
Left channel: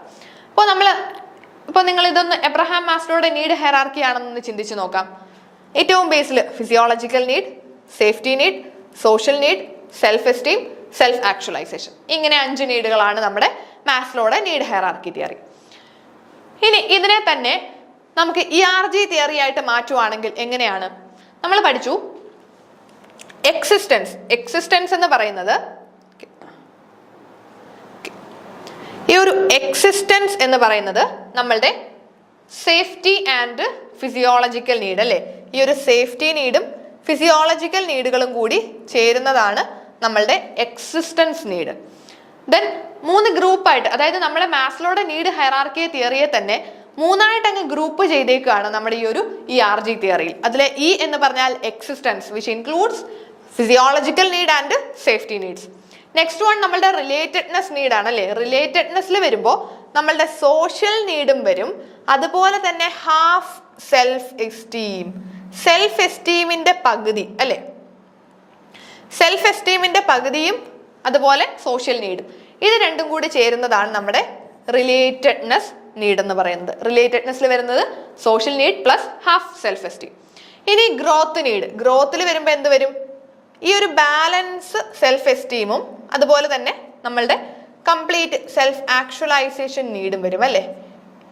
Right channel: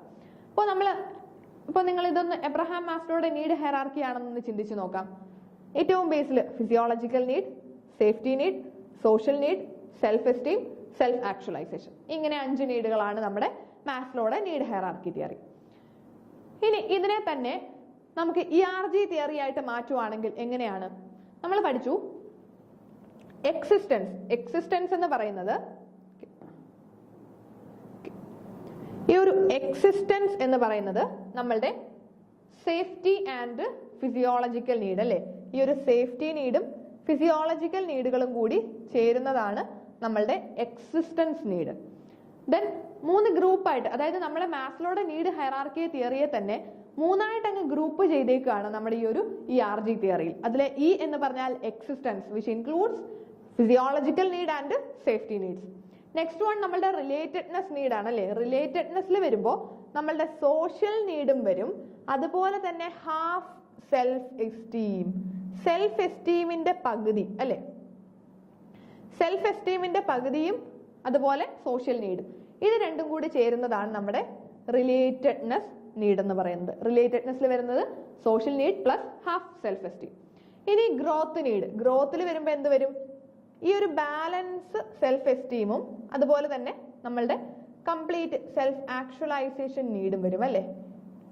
ഇപ്പോൾ നിങ്ങൾ ഇതൊന്ന് എബ്രഹാം മാസ്ലോയുടെ നീഡ് ഹൈറാർക്കി ആണെന്നൊന്ന് ചിന്തിച്ച് നോക്കാം. ഏറ്റവും ബേസിൽ physiological need, safety need, social need, self esteem, self actualization. ഇങ്ങനെ 5 നീഡുകളാണ് നമ്മുടെ മാസ്ലോയുടെ നീഡ് ഹൈറാർക്കി തിയറി. ഇനി ഇതിനെ തന്നെ നമുക്ക് ERG തിയറി ആയിട്ട് മാറ്റുവാണെങ്കിൽ എങ്ങനെയാണ്? നമ്മൾ പഠിച്ചു എക്സിസ്റ്റൻസ് എന്ന് പറയുന്നത്, ഈ ഒരു എക്സിസ്റ്റൻസ് എന്ന് പറയുന്നത് നമ്മളുടെ സേഫ്റ്റി ആൻഡ് ഫിസിയോളജിക്കൽ നീഡ് അല്ലേ. ഈ ഒരു സേഫ്റ്റി നീഡും ഫിസിയോളജിക്കൽ നീഡുകളും കൂടി ചേരുന്നതാണ് നമ്മളുടെ എക്സിസ്റ്റൻസ് നീഡ്. ദെൻ 3 ഗ്രൂപ്പായിട്ട്, അതായത് നമ്മുടെ മാസ്ലോയുടെ നീഡ് ഹൈറാർക്കി തിയറിയെ തന്നെ 3ആയിട്ട് അങ്ങ് ഗ്രൂപ്പ് ചെയ്തേക്കാണ് നമ്മുടെ ഈ ഒരു ERG തിയറിയിൽ. അതിലെ E എന്ന് പറഞ്ഞാൽ existence, which includes physiological need and safety needs. Next one നമ്മളുടെ റിലേറ്റഡ്നെസ് നീഡ് ആണ് അല്ലേ. റിലേറ്റഡ്നെസ്സിൽ വരുമ്പോൾ നമ്മളുടെ സോഷ്യൽ നീഡും വരും, അതുപോലെ തന്നെ ഹാഫ് സെൽഫ് എസ്റ്റീമിന്റെ പകുതി അല്ലേ. സെൽഫ് എസ്റ്റീമിന്റെ പകുതിയും അതുപോലെ സോഷ്യൽ നീഡും, ഇത് രണ്ടും കൂടി ചേരുന്നതാണ് നമ്മുടെ റിലേറ്റഡ്നെസ് നീഡ് എന്ന് പറയുന്നത്. റിലേറ്റഡ്നെസ്സിൽ വരുന്നത് social need plus half self esteem. ഇനി ഗ്രോത്തിൽ വരുമ്പോൾ എന്ത് വരും? ഈ ഒരു ബാലൻസ് സെൽഫ് എസ്റ്റീമും അതുപോലെ തന്നെ നമ്മളുടെ കംപ്ലീറ്റ് സെൽഫ് ആക്ച്വലൈസേഷൻ നീഡും വരും അല്ലേ.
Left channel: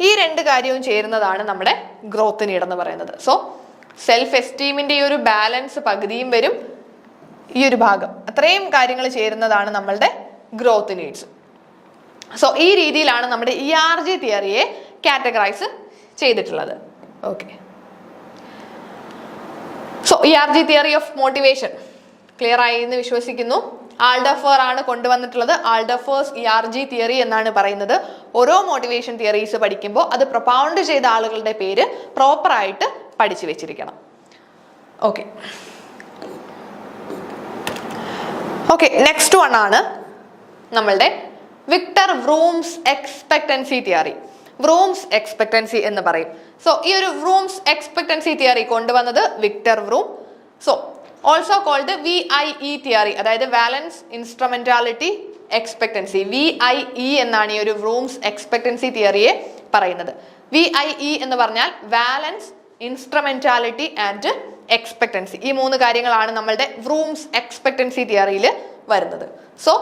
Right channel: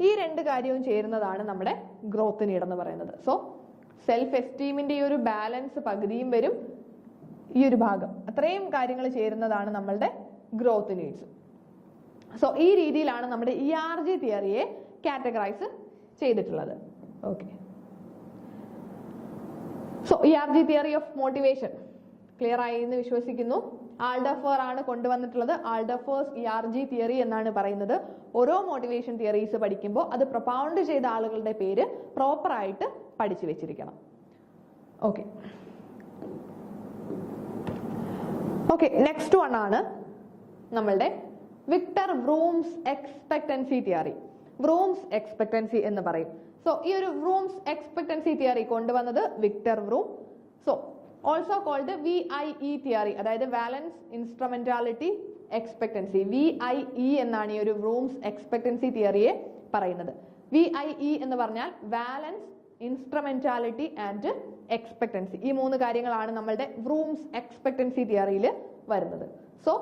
ഈ 2 കാര്യവും ചേരുന്നതാണ് നമ്മുടെ ഗ്രോത്ത് നീഡ് എന്ന് പറയുന്നത്. സോ സെൽഫ് എസ്റ്റീമിന്റെ ഈ ഒരു ബാലൻസ് പകുതിയും വരും, ഈ ഒരു ഭാഗം അത്രയും കാര്യങ്ങൾ ചേരുന്നതാണ് നമ്മളുടെ ഗ്രോത്ത് നീഡ്സ്. സോ ഈ രീതിയിലാണ് നമ്മുടെ ERG തിയറിയെ കാറ്റഗറൈസ് ചെയ്തിട്ടുള്ളത്. Okay, so ERG theory of motivation clear ആയി എന്ന് വിശ്വസിക്കുന്നു. ആൾഡഫർ ആണ് കൊണ്ടുവന്നിട്ടുള്ളത്. ആൾഡഫേഴ്സ് ERG തിയറി എന്നാണ് പറയുന്നത്. ഓരോ മോട്ടിവേഷൻ തിയറീസ് പഠിക്കുമ്പോൾ അത് പ്രൊപ്പൗണ്ട് ചെയ്ത ആളുകളുടെ പേര് പ്രോപ്പർ ആയിട്ട് പഠിച്ചു വെച്ചിരിക്കണം. ഓക്കെ ഓക്കെ നെക്സ്റ്റ് വൺ ആണ് നമ്മളുടെ Victor Vroom's expectancy theory. Vroom's expectancy എന്ന് പറയും. സോ ഈ ഒരു വ്രൂംസ് എക്സ്പെക്ടൻസി തിയറി കൊണ്ടുവന്നത് Victor Vroom. So also called VIE theory, അതായത് വാലൻസ് ഇൻസ്ട്രുമെന്റാലിറ്റി എക്സ്പെക്ടൻസി. VIE എന്നാണ് ഈ ഒരു വ്രൂംസ് എക്സ്പെക്ടൻസി തിയറിയെ പറയുന്നത്. VIE എന്ന് പറഞ്ഞാൽ വാലൻസ്, ഇൻസ്ട്രുമെന്റാലിറ്റി ആൻഡ് എക്സ്പെക്ടൻസി. ഈ മൂന്ന് കാര്യങ്ങളാണ് നമ്മളുടെ വ്രൂംസ് എക്സ്പെക്ടൻസി തിയറിയിൽ വരുന്നത്. So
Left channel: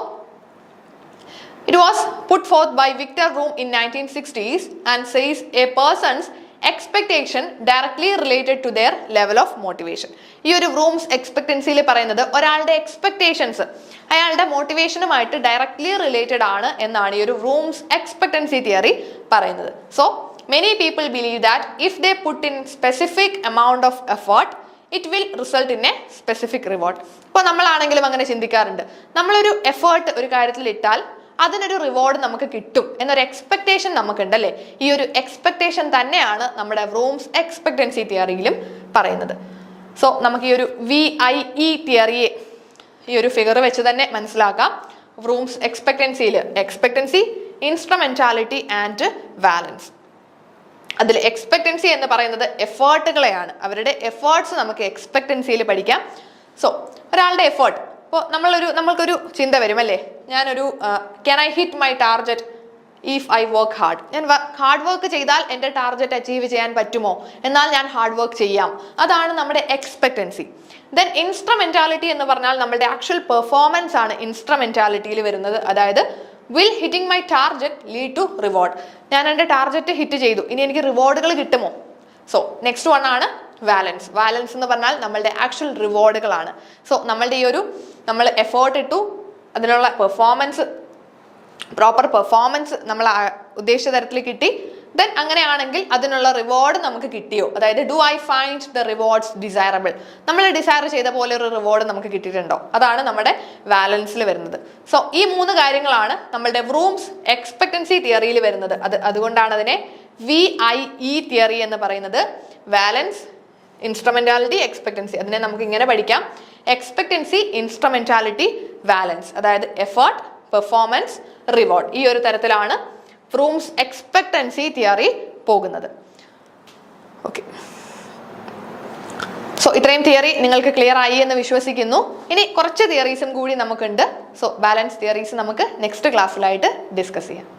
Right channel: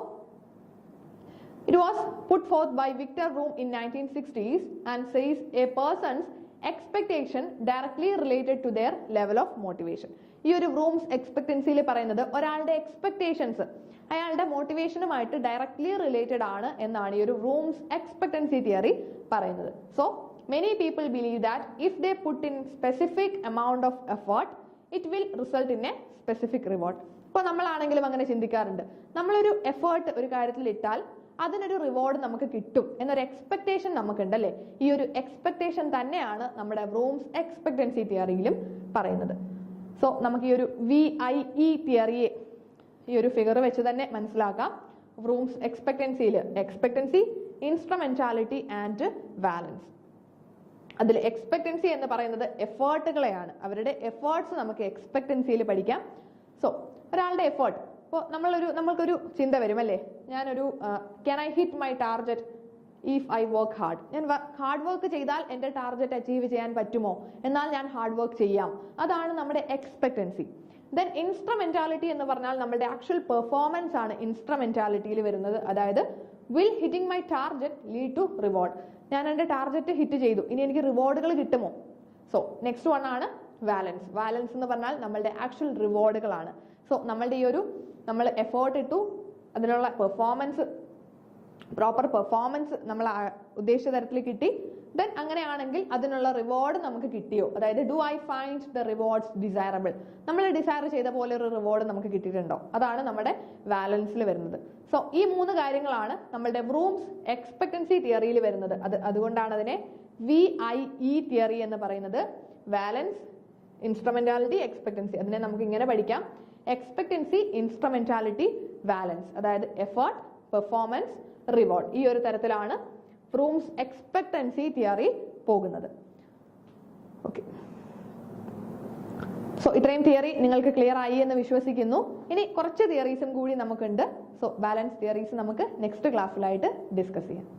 it was put forth by Victor Vroom in 1960s and says a person's expectation directly related to their level of motivation. ഈ ഒരു വ്രൂംസ് എക്സ്പെക്ടൻസിയിൽ പറയുന്നത് ഒരാളുടെ എക്സ്പെക്ടേഷൻസ് അയാളുടെ മോട്ടിവേഷനുമായിട്ട് ഡയറക്ട്ലി റിലേറ്റഡ് ആണ് എന്നാണ് ഈ ഒരു വ്രൂംസ് എക്സ്പെക്ടൻസി തിയറി പറയുന്നത്. So many people believe that if they put in specific amount of effort it will result in A specific reward. ഇപ്പോൾ നമ്മളാണെങ്കിലും അങ്ങനെ ചിന്തിക്കാറുണ്ട്. നമ്മളൊരു എഫേർട്ട് ഒരു കാര്യത്തിൽ ഇട്ടാൽ അതിനൊരു റിവാർഡ് നമുക്ക് കിട്ടും എന്നൊരു എക്സ്പെക്ടേഷൻ നമുക്കുണ്ട് അല്ലേ? ഈ ഒരു എക്സ്പെക്ടേഷൻ തന്നെയാണ് നമ്മുടെ വ്രൂംസ് എക്സ്പെക്ടൻസി തിയറിയിലും പറയുന്നത്. സോ നമുക്ക് ഈ ഒരു VIE തിയറിയെ ഈ ഒരു ഫിഗർ വെച്ച് തന്നെ മനസ്സിലാക്കാം. വ്രൂംസ് എക്സ്പെക്ടൻസിയിൽ എക്സ്പെക്ടൻസി, ഇൻസ്ട്രുമെന്റാലിറ്റി ആൻഡ് വാലൻസ്. അതിൽ എക്സ്പെക്ടൻസി എന്ന് പറയുന്നത് എഫേർട്ടുകളെയാണ്. അവരുടെ എഫേർട്ട്സ് നമുക്ക് എക്സ്പെക്ടൻസിയിൽ പഠിക്കാം. സോ ഒരാളുടെ എഫേർട്ട്, ഇപ്പോൾ നമ്മൾക്കൊരു ചിന്ത വരും അല്ലേ, ഞാനൊരു can I hit my target if I work hard. ഞാൻ ഹാർഡ് വർക്ക് ചെയ്താൽ എൻ്റെ ടാർഗറ്റ് അച്ചീവ് ചെയ്യാൻ പറ്റുമോ, എന്നാൽ ഞാൻ ഹാർഡ് വർക്ക് ചെയ്യാം. അതാണ് നമ്മുടെ എക്സ്പെക്ടൻസി. ദെൻ ഇൻസ്ട്രുമെന്റാലിറ്റി എന്ന് പറഞ്ഞാൽ നമ്മുടെ ആക്ച്വൽ പെർഫോമൻസ് ആണ് ഇൻസ്ട്രുമെന്റാലിറ്റിയിൽ വരുന്നത്. അതായത് will hitting my target lead to reward. ഞാൻ എൻ്റെ ടാർഗറ്റ് ഹിറ്റ് ചെയ്തു, ഇനി എനിക്ക് റിവാർഡുകൾ കിട്ടുമോ? സോ നെക്സ്റ്റ് വൺ ആണ് വാലൻസ്. വാലൻസ് എന്ന് പറഞ്ഞാൽ നമ്മളുടെ ആക്ച്വൽ റിവാർഡുകളാണ്. സോ നമ്മളുടെ ഈ ഒരു നമ്മൾ എഫേർട്ട് ഇട്ടു, അതിനുള്ള പെർഫോമൻസ്, പ്രോപ്പർ പെർഫോമൻസ് നമ്മൾ ഉദ്ദേശിച്ച തരത്തിൽ കിട്ടി. ദെൻ അങ്ങനെയാണെങ്കിൽ അതിനുള്ള റിവാർഡ് നമുക്ക് കിട്ടിയോ, അതായത് do I find the rewards desirable, നമ്മൾ ഡിസയർ ചെയ്ത പോലെ ഒരു റിവാർഡ് നമുക്ക് കിട്ടിയിട്ടുണ്ടോ, അതാണ് നമ്മുടെ വാലൻസിൽ വരുന്നത്. സോ ഈ മൂന്ന് കാര്യങ്ങളാണ് നമ്മളുടെ വ്രൂംസ് എക്സ്പെക്ടൻസി തിയറിയിൽ വരുന്നത്. അതുകൊണ്ടാണ് അതിനെ VIE തിയറി എന്ന് പറയുന്നത്. വാലൻസ്, ഇൻസ്ട്രുമെന്റാലിറ്റി, എക്സ്പെക്ടൻസി. അതിനെ നമുക്ക് ഇങ്ങനെ പഠിക്കാം: എക്സ്പെക്ടൻസി, ഇൻസ്ട്രുമെന്റാലിറ്റി, വാലൻസ്. അതായത് എഫേർട്ട്, പെർഫോമൻസ്, റിവാർഡ്. ഈ ഒരു തരത്തിലാണ് വ്രൂംസ് എക്സ്പെക്ടൻസി തിയറി പോകുന്നത്. ഓക്കെ, സോ ഇത്രയും തിയറി നിങ്ങൾക്ക് ക്ലിയർ ആയി എന്ന് വിശ്വസിക്കുന്നു. ഇനി കുറച്ച് തിയറീസും കൂടി നമുക്കുണ്ട്. സോ ബാലൻസ് തിയറീസ് നമുക്ക് നെക്സ്റ്റ് ക്ലാസ്സിലായിട്ട് ഡിസ്കസ് ചെയ്യാം.